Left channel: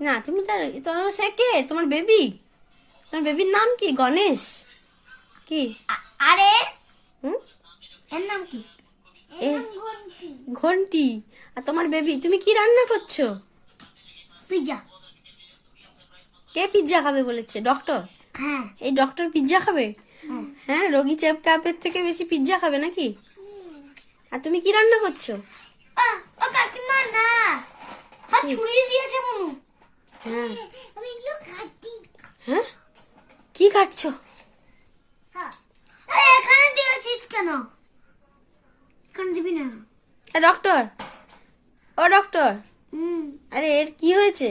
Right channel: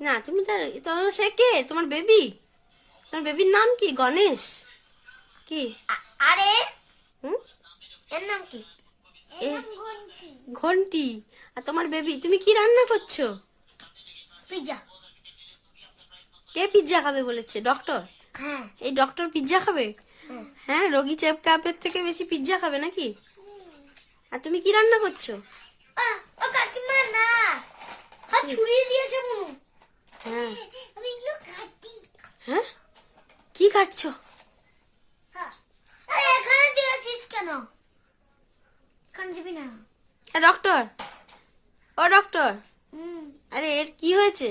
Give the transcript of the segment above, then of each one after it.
না তুমি তার তোমার সে কে? তোমার বেবি তোমার বেবির নাম কি? গণেশ? কি? আরে? হুম? এর নাম কি? ঘন্টি। আর তোমার বেবি তুমি কি রান্না করছ? পিজা কে পিৎজা খাবে বলেছে? ডক্টর হ্যাঁ। এই ডক্টর পিৎজা খাবে? হ্যাঁ। হ্যাঁ রোগী চেপ কাপের থেকে বেশি পিৎজা খাবে নাকি? আর তুমি কি রান্না করছ? ও কাকিমা না। হাত ছুরিয়ে দিয়েছে মনু। হ্যাঁ? হ্যাঁ কি খাচ্ছো? আরে এখানে দিয়েছিস কেন? এখানে দিবি না? ডক্টর ও ডক্টর আরে এর কি হয়েছে?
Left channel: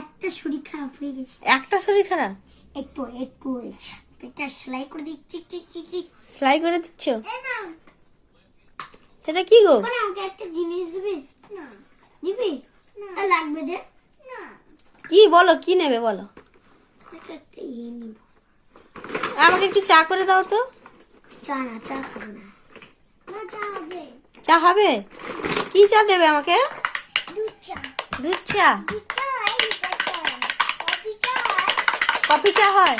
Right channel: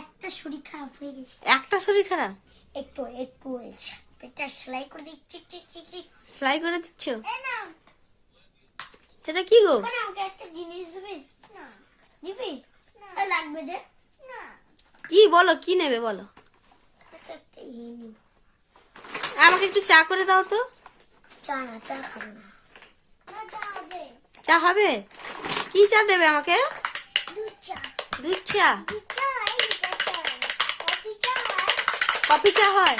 একটা শরীর খারাপ হয়ে গেছে। একটা শরীর খারাপ? একটু একটু পেটটা সেলাই করে দিচ্ছি সেলাই করে দিচ্ছ? সেটা কি গো? আমাকে একটা জিনিস দেবে? না। যে? কি বলো কি নেবে বলো? আমাকে একটু চা করে দাও তো। চা না চা খাব না। চা হবে। কি চা দেবে আমাকে? দুধ চা। কফি চা। হয়?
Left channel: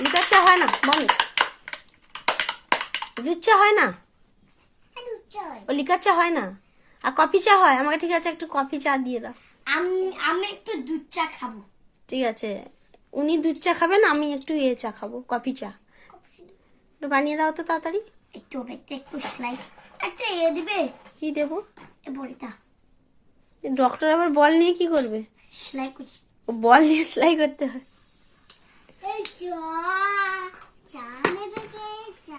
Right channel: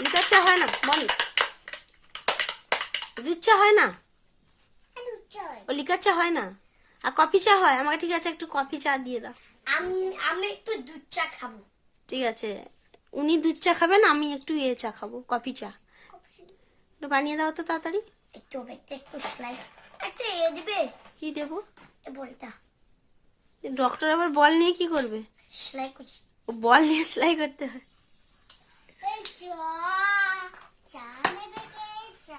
লিকার চা হয় না। বল। দুধ চা হয় না? চা ও লিকার চা হয় না? আর কফি চা হয়? আমাকে ঠিক আছে একটু কফি চা দিয়ে দাও। আমি আমি একটু দুধ চা খাব। ঠিক আছে। উনি দুধ চা খাবেন আমি একটু ইয়ে চা খাব কফি চা। একটু বানিয়ে দাও তো তাড়াতাড়ি। একটু একটা একটু সেলাই। একটা এ দিবে? কি দেবো? এ বলটা ডক্টর আবার বল নিয়ে কি করবে? সেলাই করছি। বল নিয়ে সেলাই করতে হয়। এই চা